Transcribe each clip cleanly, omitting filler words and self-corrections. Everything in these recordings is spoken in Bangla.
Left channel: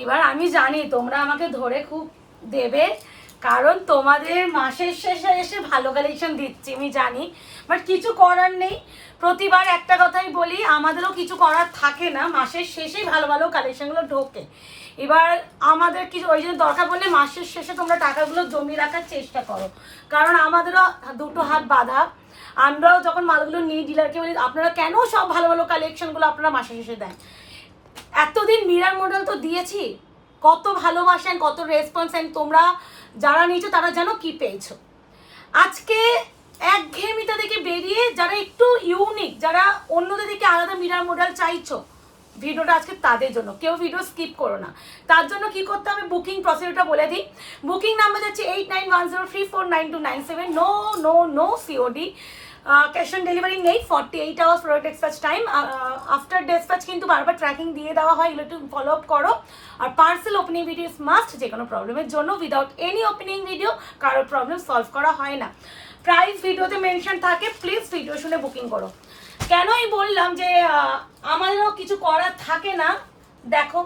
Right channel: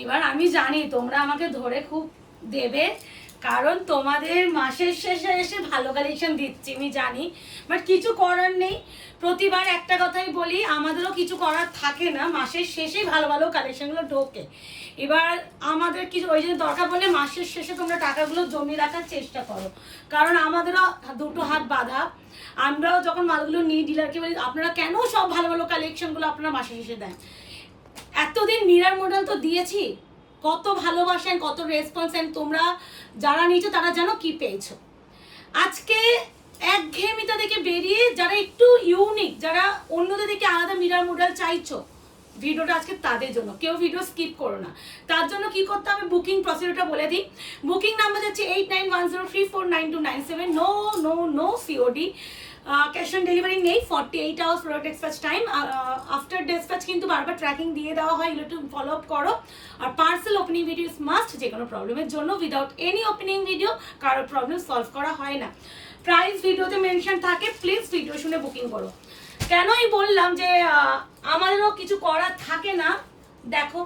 এবার আমি জানি তোমরা আমাকে ধরে খুব দেবে, কারণ তোমাদের মাসের শেষে এসে ভালো কালেকশন দিচ্ছি আমি জানি, বাট কিছু করার নেই। প্রতিবার একটা কথাই বলি, আমাদেরও কিছু করার থাকে না, মাসের শেষেই ভালো ভালো কালেকশনগুলো ঢোকে। এবার আমাদের কিছু ওই জন্য দরকার বললে মাসের শেষে তোমরা টাকাগুলো জমিয়ে রাখার চেষ্টা করো, কারণ আমাদেরও দুটো হাত বাঁধা। আমরাও যখন মালগুলো নিই ডিলারকে বলি আপনারা কেন সব ভালো ভালো কালেকশনগুলো আপনারা মাসের শেষে দেন। এতদিন মিরার মডেল তো দিয়েছি, কত ভালোবাসেন, কত রেসপন্স, তোমরা যারা নিয়েছো তারা জানো কি পেয়েছো। আজকে একঘেয়েমিতা থেকে বেরিয়ে যারা একটু ইউনিক, যারা অন্যদের দিকে আলাদা মিরার মডেল চাইছো, ভিডিওটা আজকে তাদের জন্য। কেউ ভিডিও স্কিপ করো না। তার জন্য কি করতে হবে, বুকিং প্রসিডিউরটা বলে দিই। বুকিং নাম্বার হচ্ছে 8910349297। No no no COD, cash on delivery নেই। 48 hours product dispatch time. After dispatch কিন্তু বারবার ট্র্যাকিং দিয়ে দেওয়া হয়, এগুলো একটু ফলো আপ করো। আর parcel opening video is must, যে কোনো প্রবলেমের জন্য। উইদাউট এনি ওপেনিং ভিডিও কারোর প্রবলেম সলভ করা হয় না। প্রাইস ভিডিওতে মেনশন থাকে, প্লিজ ভিডিও শুনে বুকিং করো। কেনই বললাম যে আমাদেরও কিছু করার থাকে না। দেখো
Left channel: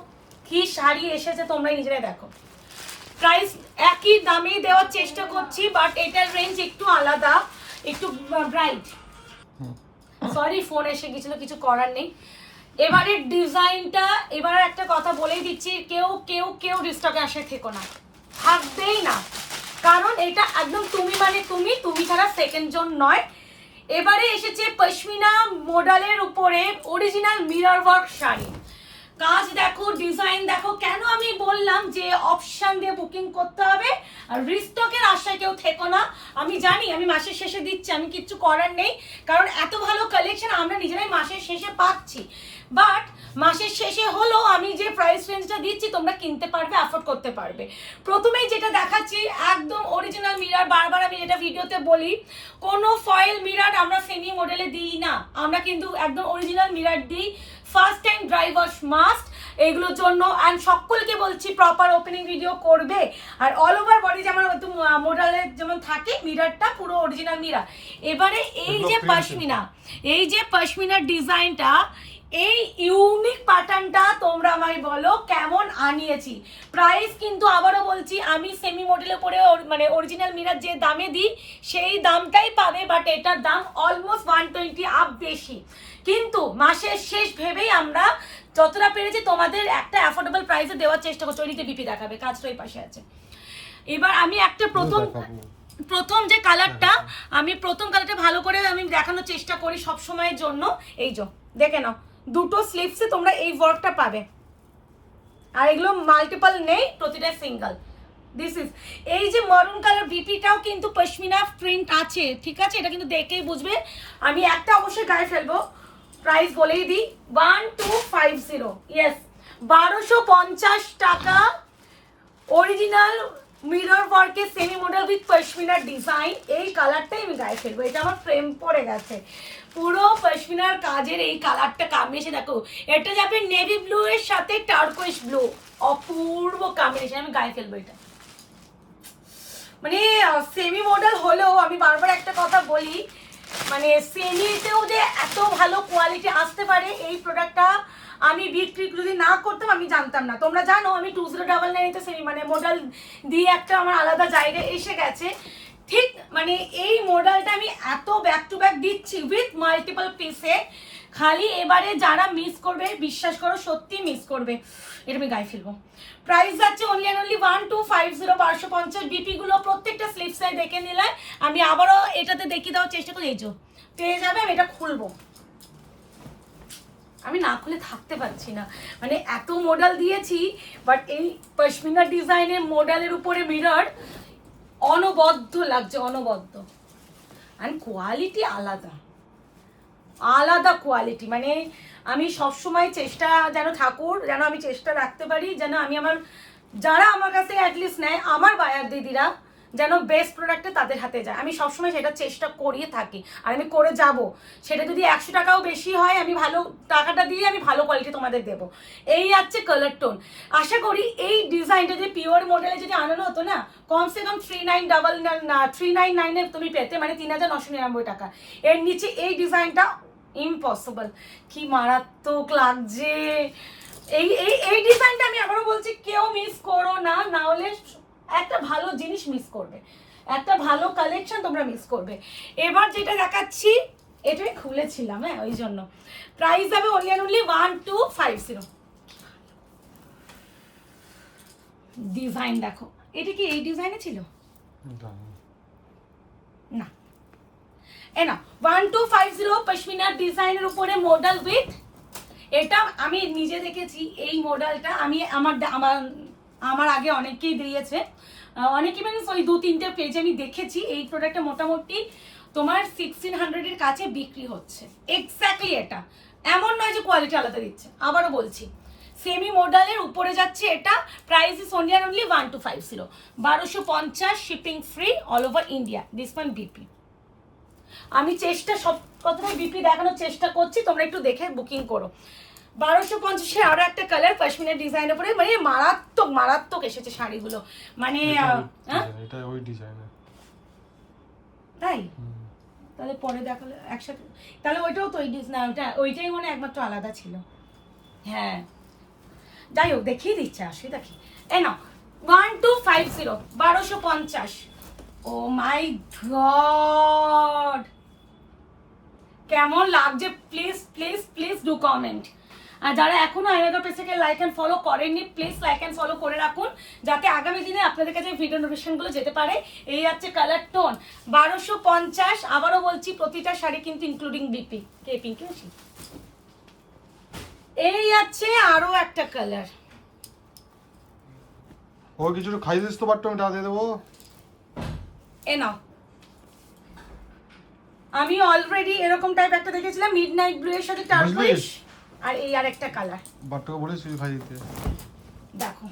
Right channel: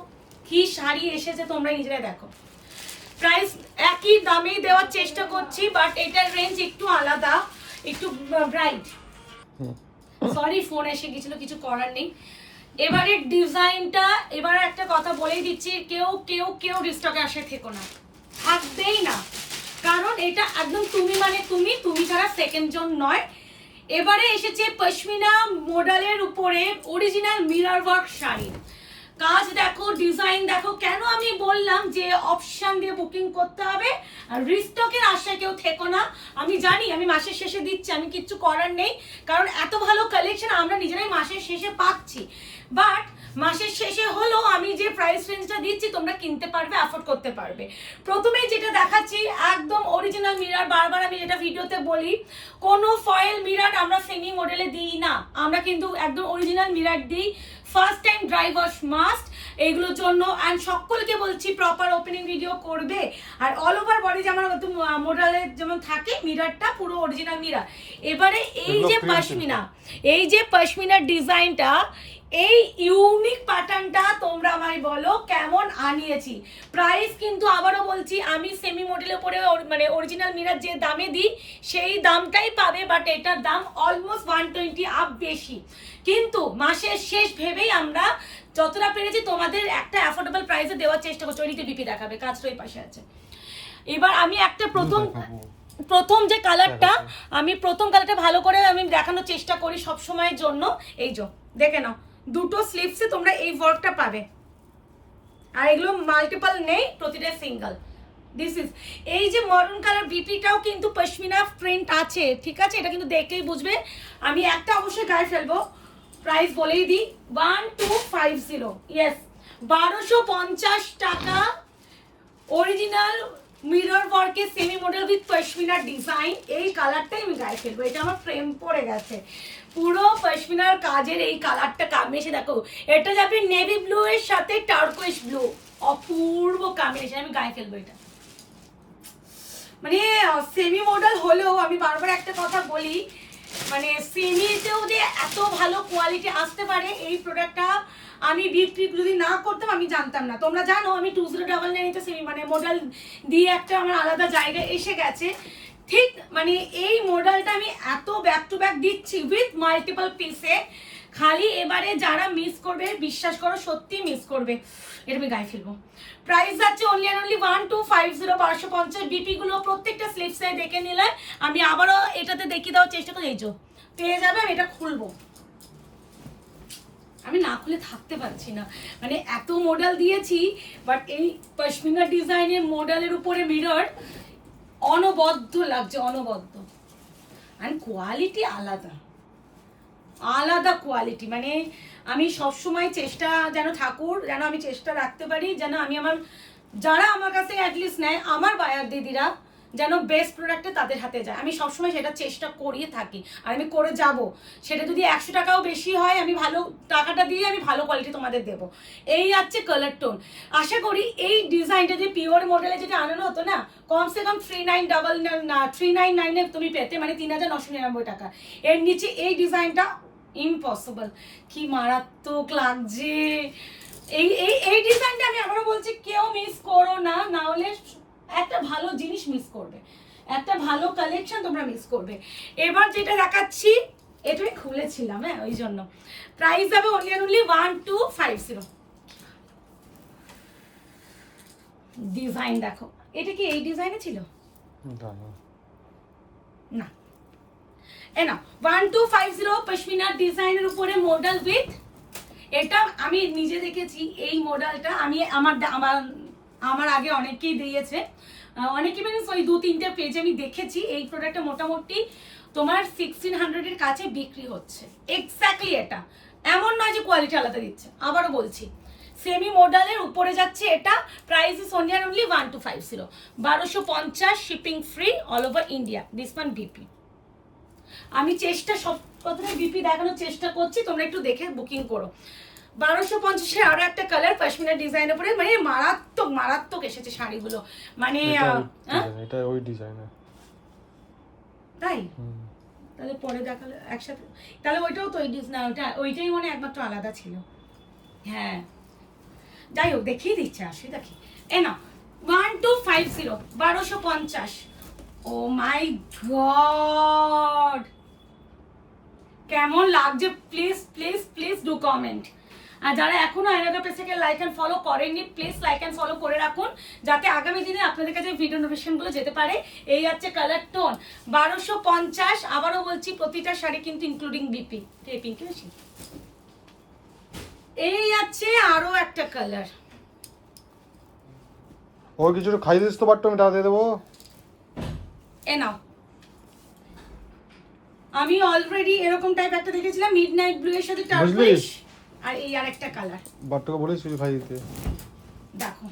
কি শাড়ি এসেছে, তোমরা নিজেরা দেখো। প্রাইস একই দামেই দেওয়ার চেষ্টা করছি, বাট এটার রেঞ্জ একটু আলাদা, একটু ব্রাইট। সরি ফোন এসে গেছিল, কিছু করার নেই। এবারে ডিজাইনটা, এবার একটা কথা বলেই দিচ্ছি, কেউ কেউ কেউ রিস্টকে আসে থেকো না, থাকবেই না, কারণ এটা একদম তুমি মানে তুমি ছাড়া সেকেন্ড জন নয়। এবারে এসেছে পশমিনা মডেলের উপরে অরিজিনাল মিরর ওয়ার্ক শাড়ি। কাজ দেখো, ডিজাইন দেখো। কেন আমি বললাম যে অপশন দিয়ে বুকিং করতে হবে, আর রিস্টকের আশায় কেউ থেকো না। আমি জানি আমি মাসের শেষে দিচ্ছি, আমি কিচ্ছু করার নেই, কারণ এত ভালো কালেকশন আমরা নিজেরাই মাসের শেষে পাচ্ছি। বাট মাসের শেষে হলো আমি যে প্রাইস রেঞ্জটা দিচ্ছি তোমরা কিনতে পারবে, অ্যাফোর্ড করতে পারবে। প্রথমেই যেটা দেখাচ্ছি একদম অরিজিনাল মিরর। বারবার আমি যেটা ভিডিওতে বলি, কোনো ফয়েল মিরর আমরা সেমি মডেলে দিই না, আমরা কিন্তু একদম অরিজিনাল মিরর দিই। First time dry wash must এগুলোর জন্য। অ্যান্ড সকলকে বলছি প্রপার ওপেনিং ভিডিও করবে। আর অল ওভার বডি যেমন মডেলের যেমন থাকে, মিররটা পুরো অরিজিনাল মিরর। এবারে এই যে পশমিনা, এই যে পশমিনার ডিজাইনটা, এই ইউনিক প্যাটার্নটা তোমরা আমায় বলো কেমন আনিয়েছি। প্রাইস কিন্তু আবারও বলছি, আমি সেমি মডেলে পরে মানে অরিজিনাল মিরর যে দামে দিই সেই দামটাই পাবে, বাট এটার দাম অলমোস্ট 120 আপ বেশি। কিন্তু মাসের শেষ ভেবেই আমরা যতটা পেরেছি তোমাদের একটা অ্যাফোর্ডেবল প্রাইসে দেওয়ার চেষ্টা করছি। ওইদিকে বিপি দেখাবে, কাজটা এই পাশে আছে। এবার আমি একটা প্রথম যে কালারটা, আমি প্রথম কালারটা ভালো করে আমি দেখানোর চেষ্টা করি সব সময়ের জন্য। এই যে দেখে নাও, দুটো স্লিভসে তোমরা এই ওয়ার্কটা পাবে, আর এগুলো মাল্টিপল নেই, প্রতিটা সিঙ্গেল। দিস ইজ এই যে মারুন কালার বিপিটাও কিন্তু পশমিনা প্রিন্ট আছে, ঠিক আছে? এটা কিন্তু দেখেই বুঝবে। আমি একটা অবশ্যই গায়ে ফেলবো, প্রাইস বলেই দিই 1250। ইয়েস, 1250 টাকা অরিজিনাল মিরর ওয়ার্কে সেমি মডেল উইথ পশমিনার ডিজাইন। এই কালারটাই আমি গায়ে ফেলবো, এটা আমার প্রেম পড়ে গেছে। পুরো পশমিনার কাজের এই কালারটা কামিয়েছে দেখো, এটা যাবে নেভি ব্লু এর সাথে টার্কোয়েস ব্লু, অপূর্ব কম্বিনেশন। আমি গায়ে ফেলবো এটা। মানে সেমি মডেল হলেও আমি বারবার একটা কথা বলি, মানে সেমিতেও যে এত ভালো কোয়ালিটি আসতে পারে, এই প্রোডাক্টটা আমি বিক্রি যদি না করতাম আমি জানতাম না। তোমরা জানো আমি 2099 সেমি মানে মডেল দিয়ে একটা আমার আলাদা জায়গায় এসে গেছে। ঠিক মানে এই মডেলটা আমি এত ব্যাক টু ব্যাক দিচ্ছি উইথ মাল্টিপল পিসে। খালি এবারে যারা মিস করবে, বিশ্বাস করো সত্যি মিস করবে। এটা আমি গায়ে ফেলবো। প্রাইস যাচ্ছে অনলি অ্যান্ড অনলি 1250, 1250। ডিপি গুলো প্রত্যেকটা স্লিপসে দেখে নিলে আমি আবারও এটাতে দেখিয়ে দেওয়ার চেষ্টা করি। এই যে পেয়ে যাবে, আমি এটা খুলবো, আমি না খুলে থাকতে পারছি না, মানে এত মডেল দিয়েছি, বাট এই পশমিনা ডিজাইনের মডেলের উপরে মিরর অনবদ্য লাগছে, অনবদ্য। আর কোয়ালিটি আলাদা আলাদা কোয়ালিটি। মানে আমি সবসময় চেষ্টা যেন ঠাকুর, যেন আমি চেষ্টা রাখতে পারি, যেন আমি আমার যারা আমার কাছে অ্যাটলিস্ট নেয় আমার বায়ার দিদিরা যেন বেস্ট প্রোডাক্টটা তাদের হাতে যায়। আমি সবসময় সেটা চেষ্টা করিয়ে থাকি, আর আমি করে যাব। সেটা যদি 100 টাকাও বেশি হয়, আমি ভালো টাকাটা দিয়ে আমি ভালো কোয়ালিটি তোমাদের দেবো। এই আছে কালার টোন। আশা করি এই ডিজাইনটা যদি পিওর মডেলে যদি আনানো হতো না, কমসে কম 3999 তুমি পেতে, মানে 3999 টাকা। এর নিচে এই ডিজাইনটা ইম্পসিবল। কি মারাত্মক লাগছে, এই এই এই ডিজাইনটা আমি আবারও বলছি কেউ মিস করো না, না হলে একটা ভালো জিনিস মিস করবে, একটা ভালো কালেকশন তোমরা মিস করবে। এবার যেটা দেখাচ্ছি এটাই খুলেছিলাম, হ্যাঁ ওই জন্য। প্রাইস যাবে অনলি অ্যান্ড অনলি 1250। ডিজাইন দেখো, এটা কি এই ডিজাইনে ছিল না, এ না 1250 পশমিনা ডিজাইনের উপরে মডেল উইথ। এটা আমি নিজে দেখেছি এই মডেলটা, আমি আমার আগে অনেকেই দিয়েছে, অনেকে মানে ওই 2-3টে পেজে আমি দেখেছি এই প্রোডাক্টটা মোটামুটি তোমার 1600 এর কাছে বিক্রি হচ্ছে। এক্স্যাক্টলি এটা, এমন নয় যে কোয়ালিটি আলাদা দিচ্ছে। আবারও বলছি সেমি মডেলের উপরে যাচ্ছে এটা। Price is only only 1250, 1250 shipping free all over India. This one BP. আমি চেষ্টা সব কতটা বিপি দেখানোর চেষ্টা করছি, তোমরা একটু দেখে বুকিং করো। 1250 আরো একটা কালার পশমিনা ডিজাইনের উপরে, মানে মারাত্মক মারাত্মক এসেছে শাড়িগুলো, মানে এটা ওই ডিজাইন তাই। তাহলে পরে দেখালে একসাথে, তাহলে ওইটাও তো ওই ডিজাইন, ওইটাই মনে একমাত্র আলাদা ছিল। হ্যাঁ যাই হোক দেখিয়ে দিচ্ছে, আসি দেখি। এ না 1250, 1250। ও মাই গড, কেমন লাগছে please please please do comment. আর যারা এখনো আয়নাগর পেজটাকে লাইক এন্ড ফলো করেননি প্লিজ লাইক এন্ড ফলো করে রাখুন, যাতে আগামী দিনে আপনাদের কাছে ভিডিও নোটিফিকেশনগুলো যেতে পারে। এই আছে কালার টোন 1250। আবারও বলছি প্রতিটা শাড়ি কিন্তু ইনক্লুডিং বিপি। কে পিঙ্কি বেশি। এই আছে আরো একটা কালার। ও কিছু খাই দিস তো, বাট্টু আমি টাকা দিয়ে দেবো। এ নাও, আমি অলরেডি এরকম টাইপ একটা দেখেছিলাম মিডনাইট ব্লু এর সাথে টার্কুইশ, আর এই আরেকটা কালার। বাট্টুকে বলেছি কিছু খাই দিতে। দেখো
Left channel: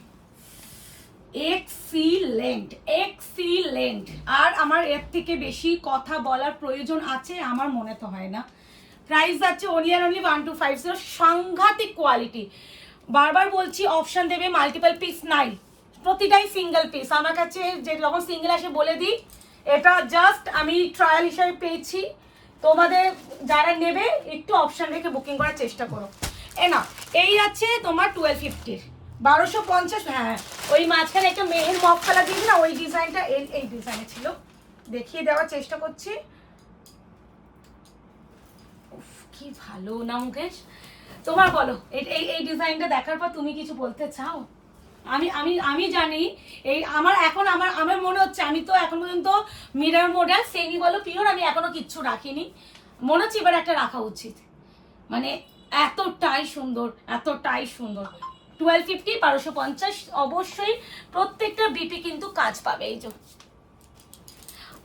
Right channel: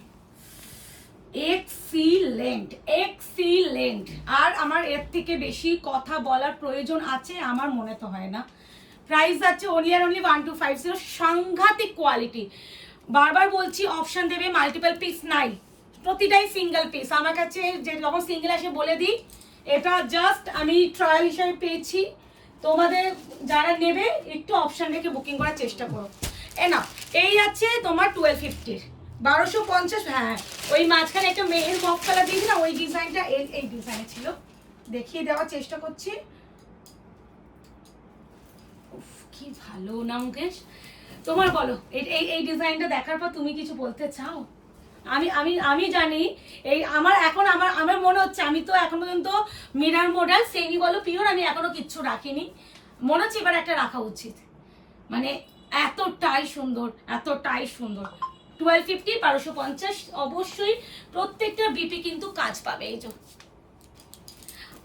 এক্সিলেন্ট এক্সিলেন্ট। আর আমার এর থেকে বেশি কথা বলার প্রয়োজন আছে আমার মনে তো হয় না। প্রাইস আছে অনলি অ্যান্ড অনলি 1250। সাংঘাতিক কোয়ালিটি। বারবার বলছি অপশন দেবে, মাল্টিপল পিস নাই, প্রতিটাই সিঙ্গেল পিস। আমার কাছে যে যখন সিঙ্গেল আসে বলে দিই, এটা জাস্ট আমি ট্রায়াল হিসেবে পেয়েছি। তোমাদের যারা নেবে একটু অপশন রেখে বুকিং করার চেষ্টা করো। এ না এই আছে তোমার 1250, 1250। হ্যাঁ ওই মাঝখানে একটা মেহের মফ কালার দিয়েছি না, ওই ডিজাইনটা এই ডিজাইনে ছিল, দেখিয়ে দেওয়ার চেষ্টা করছি। কি ভালো না মুকেশ, তোমার বলো এই ডিজাইনটা দেখার পর তুমি কিছু বলতে চাও? আমি আমি আমি জানি এই আমার মনে হচ্ছে আমি তো এখন পর্যন্ত মিরর মডেল সেমি বলো পিওর আমি এখনো কিচ্ছু রাখিনি, মনে হচ্ছে এবার একটা রাখা উচিত। মানে এতটাই সুন্দর এতটাই সুন্দর। 1250, 1250 অবশ্যই প্রত্যেকটা বিপি কিন্তু কাজ পাবে। এই যে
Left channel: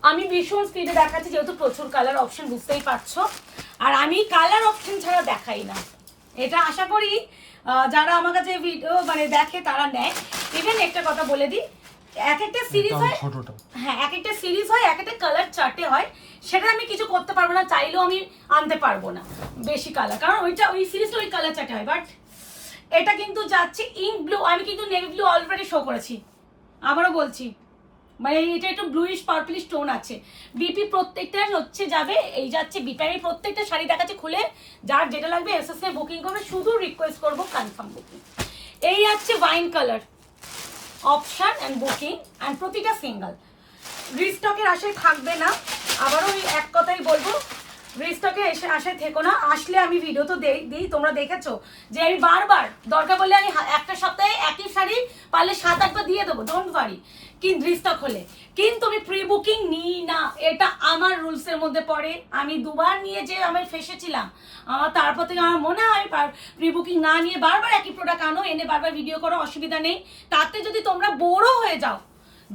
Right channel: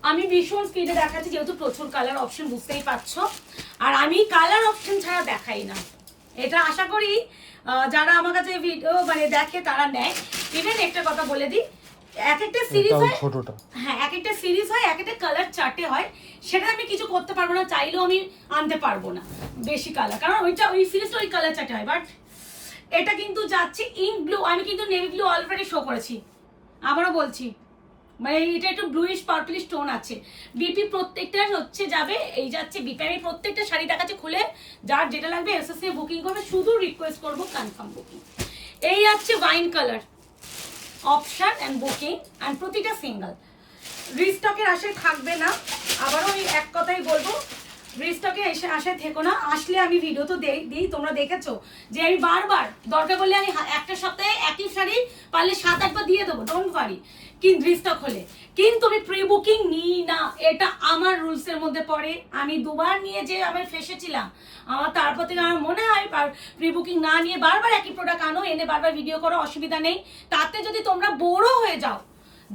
আমি ভীষণ স্পিডে দেখাচ্ছি যেহেতু প্রচুর কালার অপশন, বুঝতেই পারছো। আর আমি কালার অপশন ছাড়া দেখাই না, এটা আশা করি যারা আমার কাছে ভিডিও মানে দেখে তারা নেয়। ইভেন একটা কথা বলে দিই, এক একটা সিরিজ হয়, হ্যাঁ এক একটা সিরিজ হয়, এক একটা কালার চার্টে হয়, সেটা আমি কিছু করতে পারবো না, চাইলেও আমি আনতে পারবো না বেশি কালার, কারণ ওই সিরিজটা ওই কালার চার্টে হয়। বাট এটা কিন্তু যাচ্ছে ইঙ্ক ব্লু, আমি কিন্তু নেভি ব্লু অলরেডি শো করেছি, আবারও বলছি মানে এটা একটু ব্লুইশ পার্পলিশ টোন আছে। বিপি প্রত্যেকটা হচ্ছে যাবে, এই যাচ্ছে বিপি। আমি প্রত্যেকটা শাড়ি দেখাচ্ছে খুলে, যার যেটা লাগবে এসএসসি বুকিং করবে, শুধু রিকোয়েস্ট করবো কনফার্ম বুকিং। এই আছে wine colour option and booking, and প্রতিটা সিঙ্গেল। রিস্টকের আশায় থাকবে না, আবারও এক কথাই বলবো, রিস্টকের আশায় থেকো না। আসলে আমি ভিডিও তো দিই, তোমরা দেখেছো যে আমি বারবার দরকার বললে আমি একটা সপ্তাহে একই শাড়ি পারলে 7-8 বার দিয়ে দেবো, ডোন্ট ওয়ারি, কিন্তু রিস্টক হলে। কিন্তু আমি প্রি বুকিং নিই না, এটা আমার রুলস এর মধ্যে পড়ে। আমি 2বার নিয়ে যে আমি ফেসেছিলাম, আমার তারপর থেকে আমার মনে হয় প্রি বুকিং না নিয়ে বারবার একই প্রোডাক্ট আনো, এনে বারবার ভিডিও করো, অসুবিধা নেই। তাতে যদি তোমরা বোরও হয়ে যাও,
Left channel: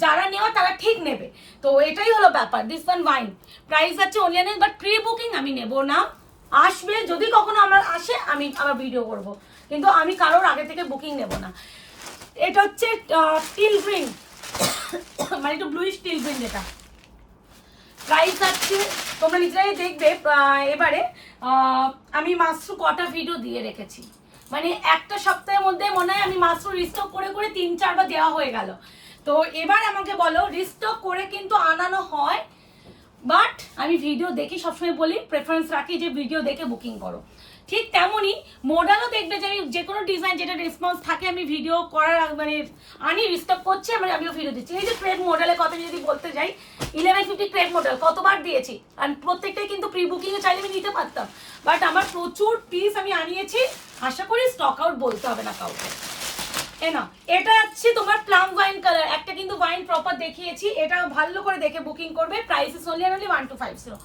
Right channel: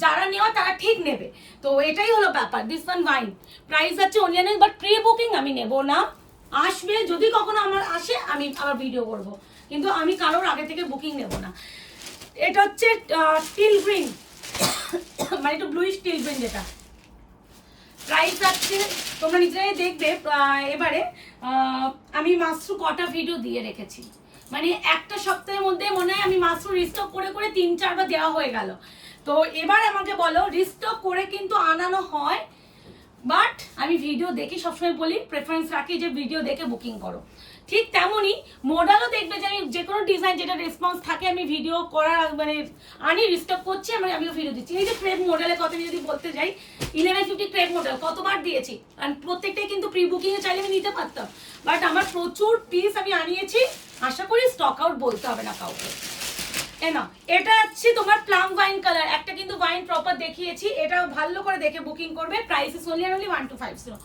যারা নেওয়া তারা ঠিক নেবে। তো এটাই হলো ব্যাপার। দিস ওয়ান ওয়াইন প্রাইস আছে অনলাইনে, বাট প্রি বুকিং আমি নেব না। আসবে যদি কখনো আমার আসে আমি আবার ভিডিও করব, কিন্তু আমি কারোর আগে থেকে বুকিং নেব না। এটা হচ্ছে স্টিল গ্রিন, মানে একটু ব্লুইশ স্টিল গ্রিন, যেটা প্রাইস আছে তোমরা নিজেরাই দেখবে। এবারে আমি মাত্র কটা ভিডিও দিয়ে রেখেছি, মানে একটা সপ্তাহের মধ্যে মনে হয় আমি মাত্র রিস্টক করে করে 3-4 বার দেওয়া হয়ে গেল। তো এবার আমাকে বলো, রিস্টক করে কিন্তু আনানো হয়, বাট আমি ভিডিও দেখি, সবসময় বলি প্রেফারেন্স রাখি যে ভিডিও দেখে বুকিং করো। ঠিক তেমনই মডেলও দেখবে যে আমি যে কোনো ডিজাইন যেটা রেসপন্স থাকে আমি ভিডিও করার মানে আনি রিস্টক করছি, আমিও ভিডিও দিচ্ছি। এই যে ক্রেপ মডেলের কথা যদি বলতে যাই, 1150 ক্রেপ মডেল কতবার দিয়েছি, আর প্রত্যেকটাই কিন্তু প্রি বুকিং এ চাইলে আমি নিতে পারতাম, বাট আমার প্রচুর পিস আমি আনিয়েছি, আশা করি স্টক আউট বলতে হবে না কাউকে। এটা হচ্ছে তোমার প্লাম ওয়াইন কালার, একটা কিন্তু ওয়াইন প্রপার দেখিয়েছি, এটা ভালো করে দেখে বুকিং করবে। প্রাইস ইজ অনলি 1250,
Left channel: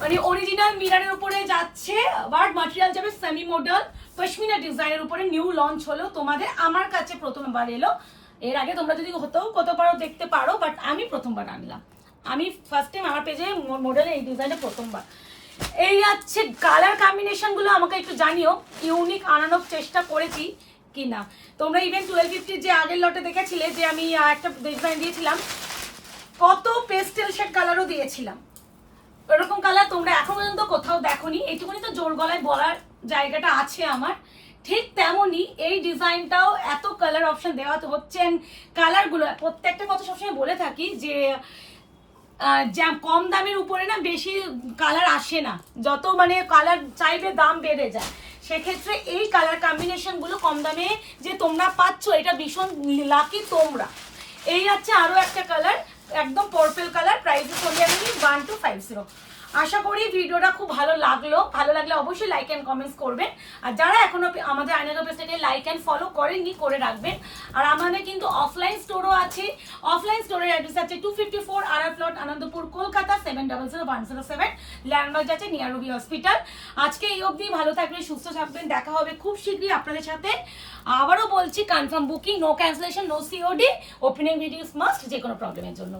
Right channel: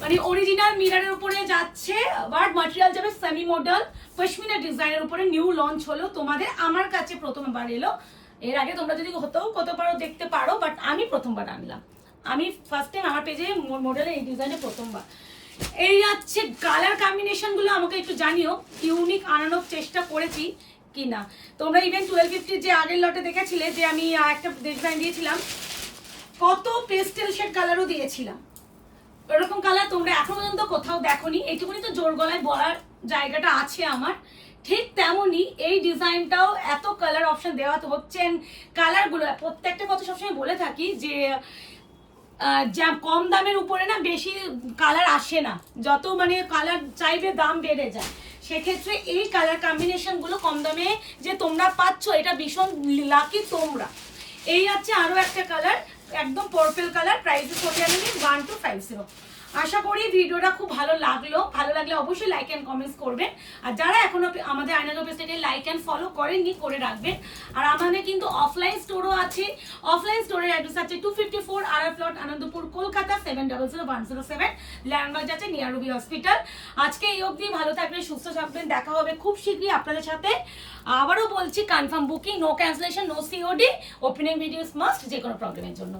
মানে অরিজিনাল মিররের উপরে যাচ্ছে, বাট ম্যাটেরিয়াল যাবে সেমি মডেল পশমিনা ডিজাইনের উপরে, নিউ লঞ্চ হলো তোমাদের, আমার কাছে প্রথমবার এলো। এর আগে তোমরা যদি হতেও কত পারো দেখতে পারো, বাট আমি প্রথমবার আনলাম, আমি ফার্স্ট টাইম আমার পেজে মডেলের এই ডিজাইনে প্রথমবার। এই হচ্ছে কালার কম্বিনেশন গুলো আমাকে একটু জানিও, ইউনিক আনানোর চেষ্টা করেছি কিনা। তোমরা ইভেন 1250 যে আগের লটে দেখেছিলে যে আমি একটা ডিজাইন দিয়েছিলাম, কত পেস্টেল শেড কালারও দিয়েছিলাম, এরকম কালার তোমরা এখন পর্যন্ত কোথাও দেখোনি। এইটুকুনি তো জোর গলায় বলার জায়গাটা আছে আমার। ঠিক তেমনই এই ডিজাইনটাও এত কালার অপশন দেওয়া হচ্ছে, কালারগুলো প্রত্যেকটা কথা সবসময় বলে থাকি যে কম দামের উপরে না বেশি কালার আসে না, যত মানে কালার চাইবে দাম বেড়ে যায়। সেক্ষেত্রে এই কালার কম্বিনেশন গুলো কম দামে যে তোমরা পাচ্ছ, এটা ভীষণ লাকি তোমরা। এই আছে আরো একটা কালার, একদম পার্পল কালার, প্রাইস চলে আসবে 1250। আশা করি ভিডিওটা খুব ভালো লাগলে অবশ্যই লাইক এন্ড কমেন্টস করবেন, আর যারা এখনো আমাদের আয়নালো পেজটাকে লাইক এন্ড ফলো করেননি করে রাখবেন। আর আমাদের কিন্তু অফলাইন স্টোরও আছে, অফলাইন স্টোরের অ্যাড্রেস আছে 254 RR plot, Anandapur, Kolkata 700107, landmark আছে নিয়ার রুবি হসপিটাল। আজকে এই অবধি, ভালো থাকবেন, সুস্থ থাকবেন, দেখা হবে খুব শীঘ্রই আপনাদের সাথে। আবারও বলছি, confirm booking, no cancellation, no COD, opening videos must যে কোনো প্রবলেমের জন্য।